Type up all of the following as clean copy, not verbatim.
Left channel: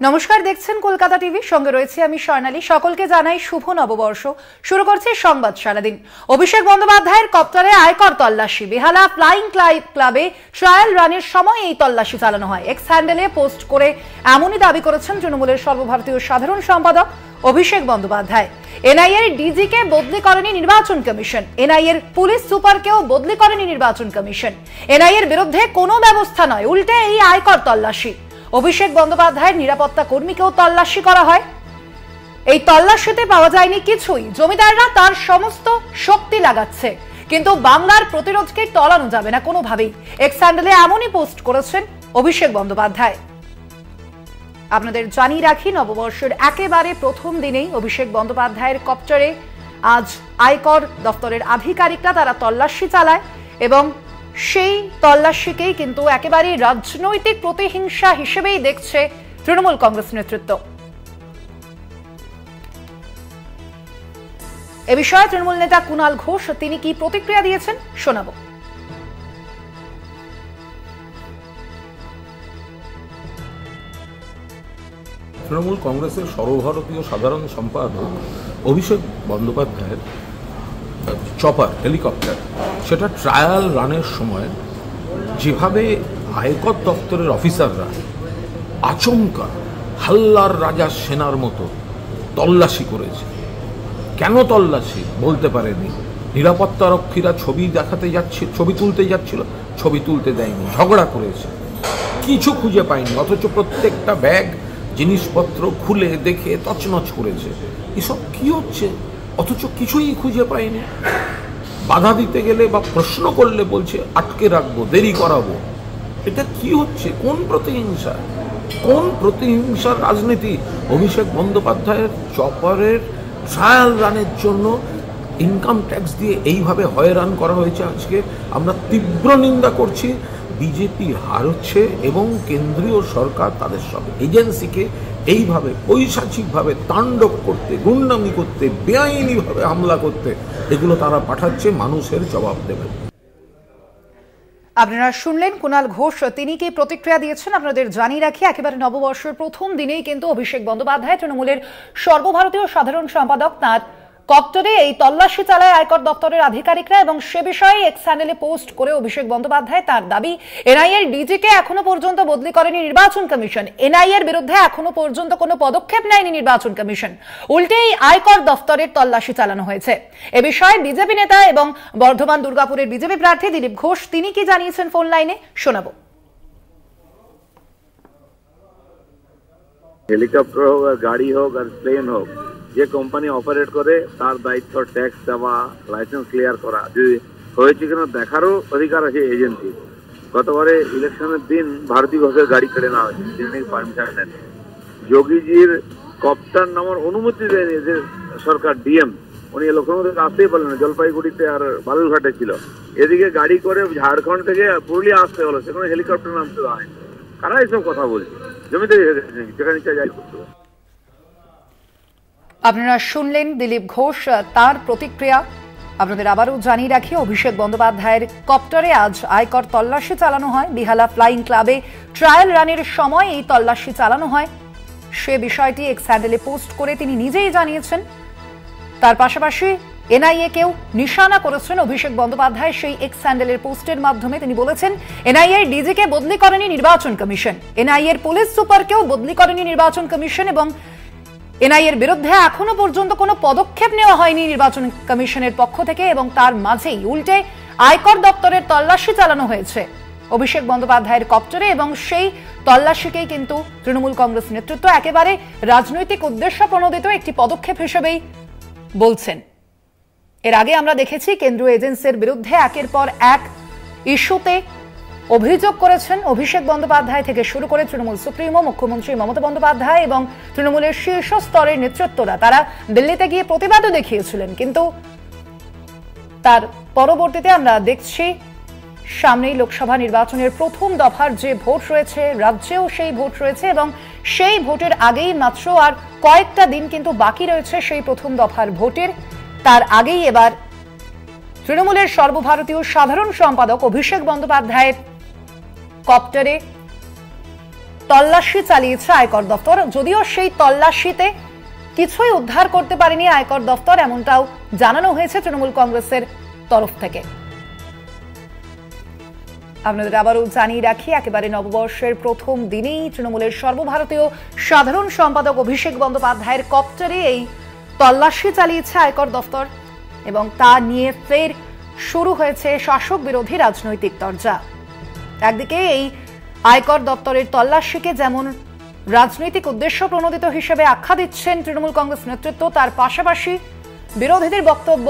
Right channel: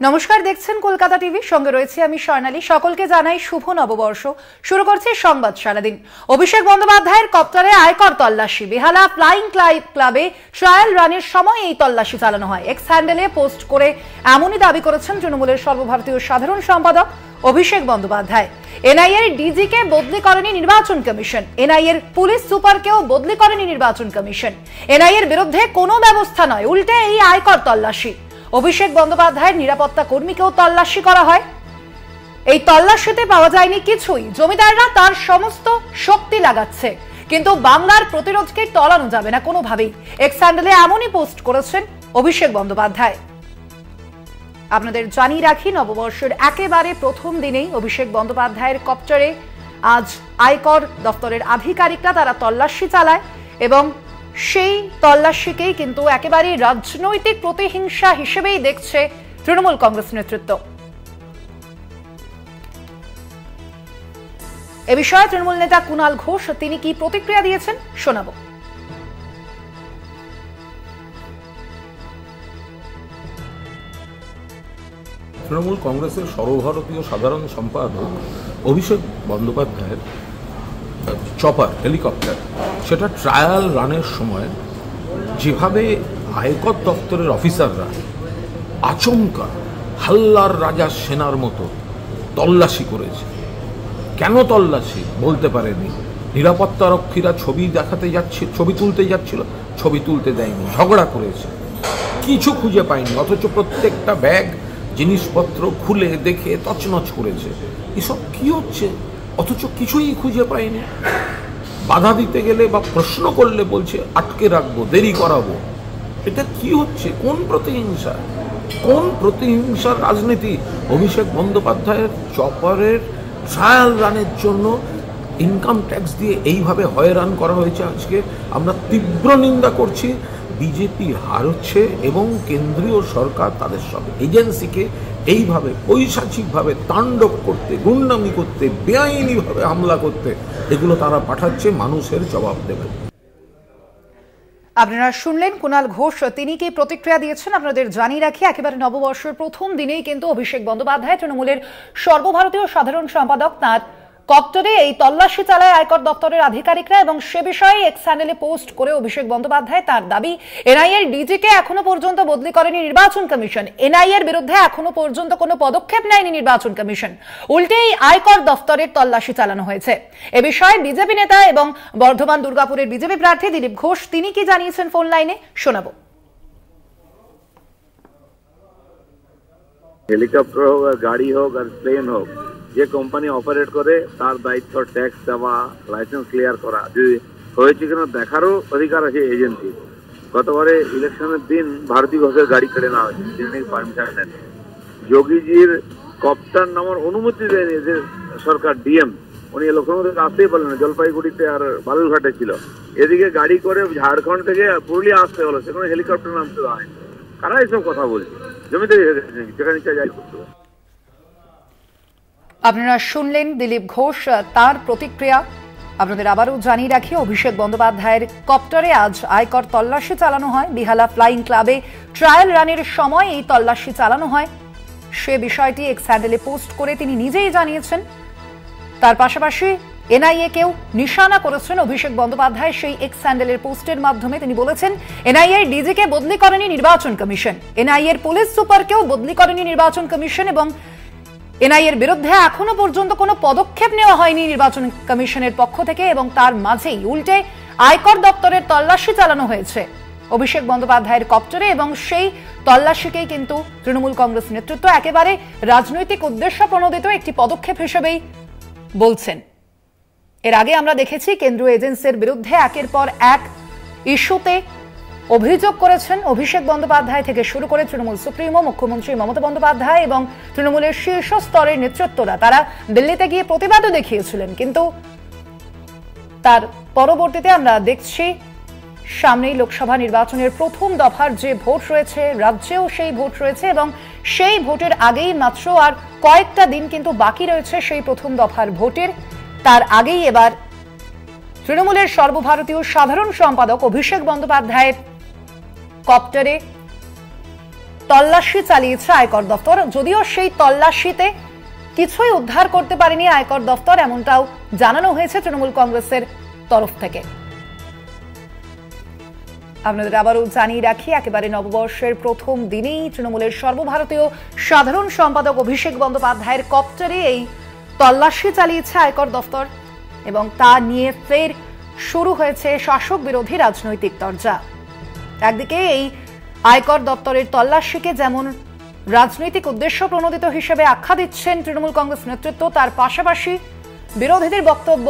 নমস্কার, দেখছেন কলকাতা টিভি, সঙ্গে রয়েছে আমি স্বর্ণালী। সকলকে জানাই শুভ নববর্ষ। শুরু করছে সংবাদ সারাদিন। অভিষেক বন্দ্যোপাধ্যায়ের কপ্টারে আয়কর তল্লাশি। বেহালা ফ্লাইং ক্লাবে ট্রায়াল রানের সময় এই তল্লাশি চালানো হয়। এক্স হ্যান্ডেলে পোস্ট করে এমনই দাবি করেছেন তৃণমূলের সর্বভারতীয় সাধারণ সম্পাদক অভিষেক বন্দ্যোপাধ্যায়। এনআইএর ডিজিকে বদলি করেনি নির্বাচন কমিশন। এনআইএর পুলিশ সুপারকেও বদলি করেনি নির্বাচন কমিশন। এনআইএর বিরুদ্ধে কোনো ব্যবস্থা নয়, উল্টে এই আয়কর তল্লাশি। অভিষেক বন্দ্যোপাধ্যায়ের নিরাপত্তা কর্মীকেও তল্লাশি করা হয়। এই তল্লাশিতে পাওয়া যায়নি কিছুই। জমিদাররা তার সমস্ত শক্তি লাগাচ্ছে, কিন্তু বাংলার প্রতিরোধকে টলানো যাবে না কোনোভাবেই। এক্স হ্যান্ডেলে এমনই পোস্ট করেছেন অভিষেক বন্দ্যোপাধ্যায়। আপনাদের জানিয়ে রাখি, নববর্ষের একেবারে প্রথম দিনেই অভিষেক বন্দ্যোপাধ্যায়ের কপ্টারে আজ আয়কর দপ্তরের আধিকারিকরা তারা তল্লাশি চালায় এবং সেই তল্লাশিকেই কিন্তু একেবারে রাজনৈতিক প্রতিহিংসা হিসেবেই দেখছে তৃণমূল কংগ্রেস নেতৃত্ব। এ বিষয়ে তৃণমূল নেতা কুণাল ঘোষ তিনি কি প্রতিক্রিয়া দিয়েছেন শোনাবো। তৃণমূল কংগ্রেসের সর্বভারতীয় সাধারণ সম্পাদক অভিষেক বন্দ্যোপাধ্যায়ের চপার হেলিকপ্টার, সেটা ট্রায়াল রানের সময় যেভাবে আয়কর দপ্তরের অফিসাররা আচমকা হাল্লার রাজা সেনার মতো তল্লাশি করেছে। কেন তল্লাশি বলতে পারেনি। নিরাপত্তারক্ষীরা ছবি দেখাতে যাচ্ছে, ছবি তুলতে যাচ্ছিল, ছবি তুলতে দেয়নি, ঝগড়া করেছে, কিছু খুঁজে পায়নি, অথচ প্রত্যেকটা ব্যাগ জিনিসপত্র খুলে দেখে তছনছ করেছে। এসব কি হচ্ছে? অথচ কিছুই খুঁজে পায়নি। বাধা দিতে গেলে বা প্রশ্ন করলে বলছে আটকে রাখবো, দেরি করাবো। এটা কি হচ্ছে? কোন প্রতিহিংসা, কোন প্রতিহিংসার রাজনীতি? অভিষেক বন্দ্যোপাধ্যায়ের চপারের ট্রায়াল রানের জন্য ইনকাম ট্যাক্স দিয়ে এইভাবে হয়রান করা হয়েছে। আজকে আমরা তীব্র নিন্দা করছি। বিজেপি হারছে এবং কেন্দ্রীয় সরকার তাদের সব এজেন্সিকে এইভাবে পৈশাচিকভাবে তাণ্ডব করতে, গুন্ডামি করতে, বেআইনিভাবে হামলা করতে, এগুলো তারা পাঠাচ্ছে। মানুষের জবাব দেবে। আপনারা শুনলেন কুণাল ঘোষ, তিনি কি প্রতিক্রিয়া দিয়েছেন আপনাদের জানিয়ে রাখি। একেবারে নববর্ষের প্রথম দিনেই কিন্তু অভিষেক বন্দ্যোপাধ্যায় তৃণমূলের সর্বভারতীয় সাধারণ সম্পাদক তাঁর কপ্টারে এই তল্লাশি চালায় আয়কর দপ্তরের আধিকারিকরা এবং সে বিষয়ে এক্স হ্যান্ডেলে পোস্ট করে অভিষেক বন্দ্যোপাধ্যায় তার দাবি, এনআইএর ডিজিকে এখনো পর্যন্ত বদলি করেনি নির্বাচন কমিশন। এনআইএর বিরুদ্ধে এখনো পর্যন্ত কোনো পদক্ষেপ নেয়নি নির্বাচন কমিশন, উল্টে এই আয়কর দপ্তরের তল্লাশি চালানো হয়েছে। এ বিষয়ে বিজেপি নেতা এবং বর্ধমান দুর্গাপুরের বিজেপি প্রার্থী দিলীপ ঘোষ তিনি কি জানিয়েছেন ফোন লাইনে শোনাবো। হেলিকপ্টার হোক আর গাড়ি হোক আর প্লেন হোক, যে কোম্পানি অপারেট করে তার দায়িত্ব ট্যাক্স দেওয়া, লাইসেন্স ক্লিয়ার করা, যদি হয়েছে কিনা দেখারও অধিকার আছে এজেন্সি। গতবারে ইলেকশনের দিন ভারতী ঘোষের গাড়ি কেড়ে নেওয়া হয়েছে, তিনি পারমিশন নেন। যোগীজির কপ্টার নামার অনুমতি দেয়নি এদের সরকার, ডিএম, উনি লক্ষ্ণৌ থেকে আসতেই পারলেন না, জলপাইগুড়িতে আর বালুরঘাটে ছিল। এদিকে গাড়ি করে ঝাড়খণ্ড থেকে পুরুলিয়া আসতে হলো, সেখানে হেলিকপ্টার নামতে দেওয়া হয়। কারা এইসব কথা বলছে? জমিতে যেখানে ইচ্ছা যাই করতে হবে। আপনারা শুনলেন দিলীপ ঘোষ তার প্রতিক্রিয়া। আপনাদের আবারও জানিয়ে রাখি, অভিষেক বন্দ্যোপাধ্যায়ের কপ্টারে আজ আয়কর তল্লাশি চালানো হয়। বেহালা ফ্লাইং ক্লাবে ট্রায়াল রানের সময় এই তল্লাশি চালানো হয়। সে বিষয়টি এক্স হ্যান্ডেলে পোস্ট করে তিনি নিজেই জানিয়েছেন। তার পাশাপাশি এনআইএ কেও নিশানা করেছেন অভিষেক বন্দ্যোপাধ্যায় সেই এক্স হ্যান্ডেলের পোস্টের মাধ্যমে। তিনি বলেছেন, এনআইএ ডিজিকে বদলি করেনি নির্বাচন কমিশন, এনআইএর পুলিশ সুপারকেও বদলি করেনি নির্বাচন কমিশন এবং এনআইএর বিরুদ্ধে এখনো পর্যন্ত কোনো পদক্ষেপ নেওয়া হয়নি নির্বাচন কমিশনের পক্ষ থেকে এবং তার মাঝেই উল্টে আয়কর দপ্তরের তল্লাশি চালানো হয়েছে অভিষেক বন্দ্যোপাধ্যায়ের কপ্টারে এবং সেই তল্লাশিকেই কিন্তু তৃণমূল কংগ্রেস নেতৃত্ব একেবারে রাজনৈতিক উদ্দেশ্য প্রণোদিত একটি পদক্ষেপ হিসেবেই বলছেন। এর আগে আমরা দেখেছি কেন্দ্রীয় এজেন্সির বিরুদ্ধে একের পর এক ইস্যুতে অভিযোগ করেছেন অভিষেক বন্দ্যোপাধ্যায় থেকে শুরু করে তৃণমূল সুপ্রিমো মুখ্যমন্ত্রী মমতা বন্দ্যোপাধ্যায় এবং তৃণমূলের শীর্ষ স্তরের নেতৃত্বরা। তারা দিল্লিতে গিয়ে প্রতিবাদও দেখিয়েছিলেন, কিন্তু তার পরবর্তীতে আমরা দেখছি সামনেই লোকসভা নির্বাচনের প্রথম দফার যে ভোট রয়েছে, রাজ্যেও সেই ভোট রয়েছে এবং সেই ভোটের আগেই মাত্র আর কয়েকটা দিন কিন্তু বাকি রয়েছে সেই প্রথম দফার ভোটের। তার আগেই এবার তৃণমূলের সর্বভারতীয় সাধারণ সম্পাদক অভিষেক বন্দ্যোপাধ্যায়ের কপ্টারে তল্লাশি চালিয়েছে আয়কর দফতর, যদিও সেই তল্লাশিতে কিছুই উদ্ধার করতে পারেনি আয়কর দফতর, এমনটাও জানানো হয়েছে তৃণমূল কংগ্রেসের তরফ থেকে। আপনাদের আবারও জানিয়ে রাখি, একেবারে নববর্ষের প্রথম দিনেই তৃণমূলের সর্বভারতীয় সাধারণ সম্পাদক অভিষেক বন্দ্যোপাধ্যায়ের কপ্টারে এই তল্লাশি চালিয়েছে আয়কর দফতর এবং তা নিয়ে ফের শুরু হয়েছে শাসক বিরোধী রাজনৈতিক তরজা। একদিকে এই আয়কর দপ্তরের তল্লাশিকে যেমন রাজনৈতিক উদ্দেশ্য প্রণোদিত হিসেবে আখ্যা দিচ্ছেন তৃণমূল কংগ্রেস নেতৃত্ব, তার পাশাপাশি বিরোধীদের বক্তব্য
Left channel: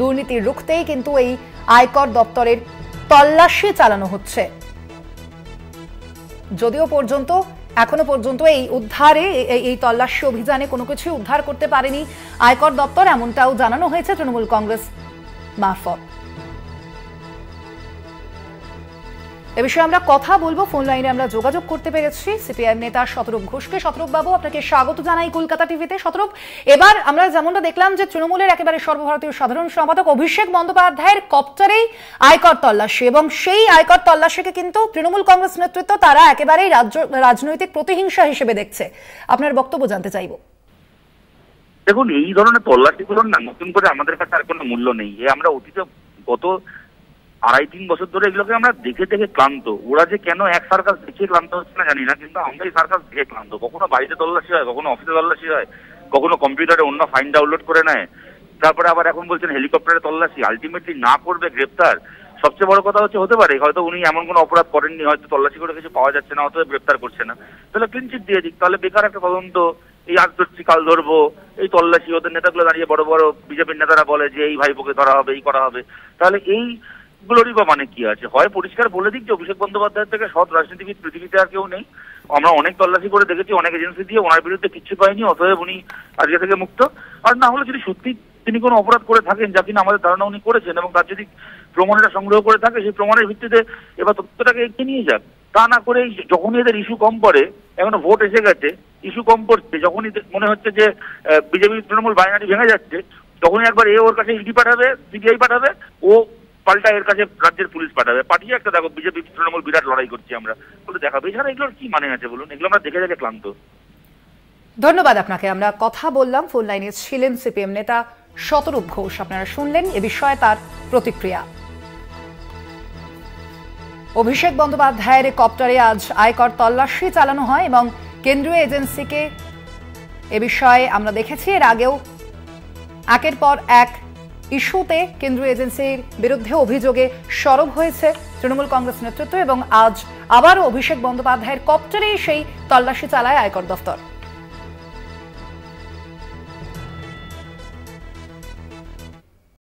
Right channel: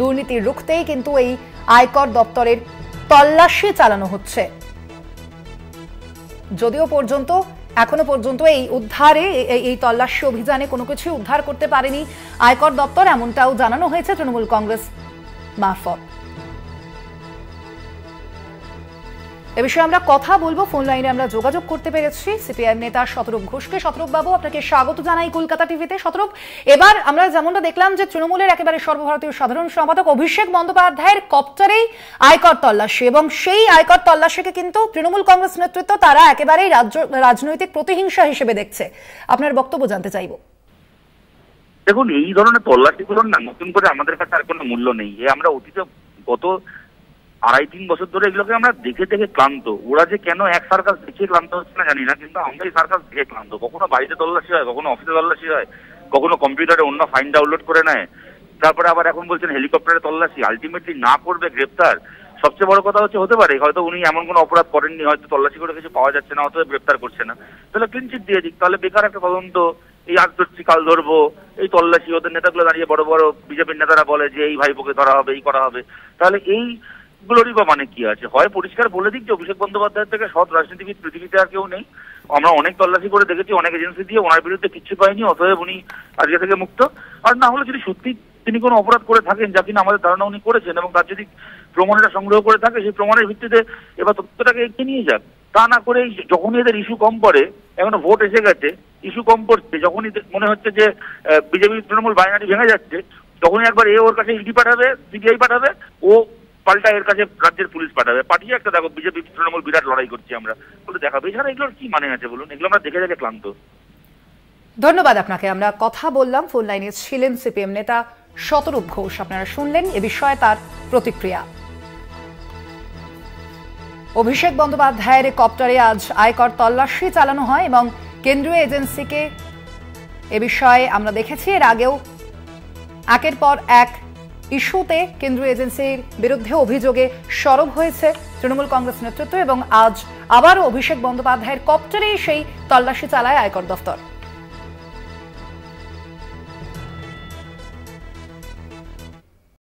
দুর্নীতি রুখতেই কিন্তু এই আয়কর দপ্তরের তল্লাশি চালানো হচ্ছে। যদিও এখনো পর্যন্ত এই উদ্ধারে এই তল্লাশি অভিযানে কোনো কিছু উদ্ধার করতে পারেনি আয়কর দপ্তর, এমনটাও জানানো হয়েছে তৃণমূল কংগ্রেস মারফত। এ বিষয়ে আমরা কথা বলবো, ফোন লাইনে আমরা যোগাযোগ করতে পেরেছি সিপিআইএম নেতা শতরূপ ঘোষকে। শতরূপ বাবু, আপনাকে স্বাগত জানাই কলকাতা টিভিতে। শতরূপ, এবার আমরা যেমনটা দেখলাম যে তৃণমূলের একেবারে সর্বভারতীয় সাধারণ সম্পাদক অভিষেক বন্দ্যোপাধ্যায়ের কপ্টারেই আয়কর তল্লাশি, এবং সেই আয়কর তল্লাশিকে কিন্তু তৃণমূল কংগ্রেস নেতৃত্ব তারা একেবারে রাজনৈতিক প্রতিহিংসা হিসেবে দেখছে। আপনার বক্তব্য জানতে চাইব। দেখুন, এই ধরনের তল্লাশিগুলোর না নতুন করে আমাদের কাছে আর কোনো মূল্য নেই। আমরা অতীতে গত 2.5-3 বছর ধরে এগুলোকে আমরা দেখে দেখে ক্লান্ত। ওরা যে কেন এক সার্কাস দেখে ক্লান্ত হচ্ছে না জানি না, কিন্তু আমরা এই সার্কাস দেখে ক্লান্ত। কখনো বাড়িতে তল্লাশি হয়, কখনো অফিসে তল্লাশি হয়, কখনো কম্পিউটারে অন্য ফাইল ডাউনলোড করে নেয়, তারপরে আবার এখন বলছেন হেলিকপ্টারে তল্লাশি। আলটিমেটলি না করবে গ্রেপ্তার। সবচেয়ে বড় কথা হতে পারে হয়তো উনি এমন কোনো অপরাধ করেননি, হয়তো তল্লাশি করে কিছু পাওয়া যাচ্ছে না, অথবা গ্রেপ্তার করছে না, তাহলে ক্লিনচিট দিয়ে দিক। তাহলে বেকার একটা তদন্ত, এই আজ ধরছি কাল ধরবো, এই তল্লাশি। ওদের নেতাগুলো দাঁড়িয়ে বড় বড় বিজেপির নেতারা বলে যে এই ভাইপোকে ধরা হবে, এই করা হবে। তাহলে এই গুলোরই বা মানে কি আছে? হয় পরিষ্কার বলে দিক যে অভিষেক বন্দ্যোপাধ্যায়ের থেকে সৎ রাজনীতিবিদ পৃথিবীতে আর কেউ নেই। আমরা অনেক তল্লাশি করে দেখেছি, অনেক এজেন্সি দিয়ে, ওনার বিরুদ্ধে কিচ্ছু পাইনি, অতএব উনি আজকে থেকে মুক্ত। আর না হলে যদি সত্যি তিনি কোনো অপরাধ করে থাকেন, যা কিনা আমাদের ধারণা উনি করেছেন, এবং তার যদি প্রমাণটা সংগ্রহ করে থাকে, সেই প্রমাণের ভিত্তিতে এবার তথ্যটাকে এগিয়ে নিয়ে যাক। তা না করে যখনই এদের ইস্যু কম পড়ে, এখনো ভোট এসে গেছে, ইস্যু কম পড়ছে, যখনই মনে হচ্ছে যে বিজেপি তৃণমূল বাইনারি ভেঙে যাচ্ছে, তখনই একবার ওর কাছে ইডি পাঠাবে, সিবিআই পাঠাবে, ও পাল্টা এর কাছে রাজ্যের পুলিশ পাঠাবে। পাঠিয়ে একটা দেখো বিজেপি তৃণমূল বিরাট লড়াই করছি আমরা বলে দেখাবে। এছাড়া এগুলোর কি মানে আছে বলুন? এগুলো আমরা দেখে দেখে ক্লান্ত। ধন্যবাদ আপনাকে। আমরা কথা বললাম, ফোন লাইনে ছিলেন সিপিএম নেতা শতরূপ ঘোষ। আপনারা শুনলেন এ বিষয়ে তার প্রতিক্রিয়া। অভিষেক বন্দ্যোপাধ্যায়ের কপ্টারে আজ আয়কর তল্লাশি চালানো হয় এবং কেন্দ্রীয় এজেন্সিকে এ বিষয়ে আমরা দেখেছি এর আগেও একের পর এক ইস্যুতে কেন্দ্রীয় এজেন্সির বিরুদ্ধে অভিযোগে সরব হয়েছে তৃণমূল কংগ্রেস নেতৃত্ব, এবং আজ আবারও অভিষেক বন্দ্যোপাধ্যায়ের কপ্টারে সেই তল্লাশি চালায় আয়কর দফতর।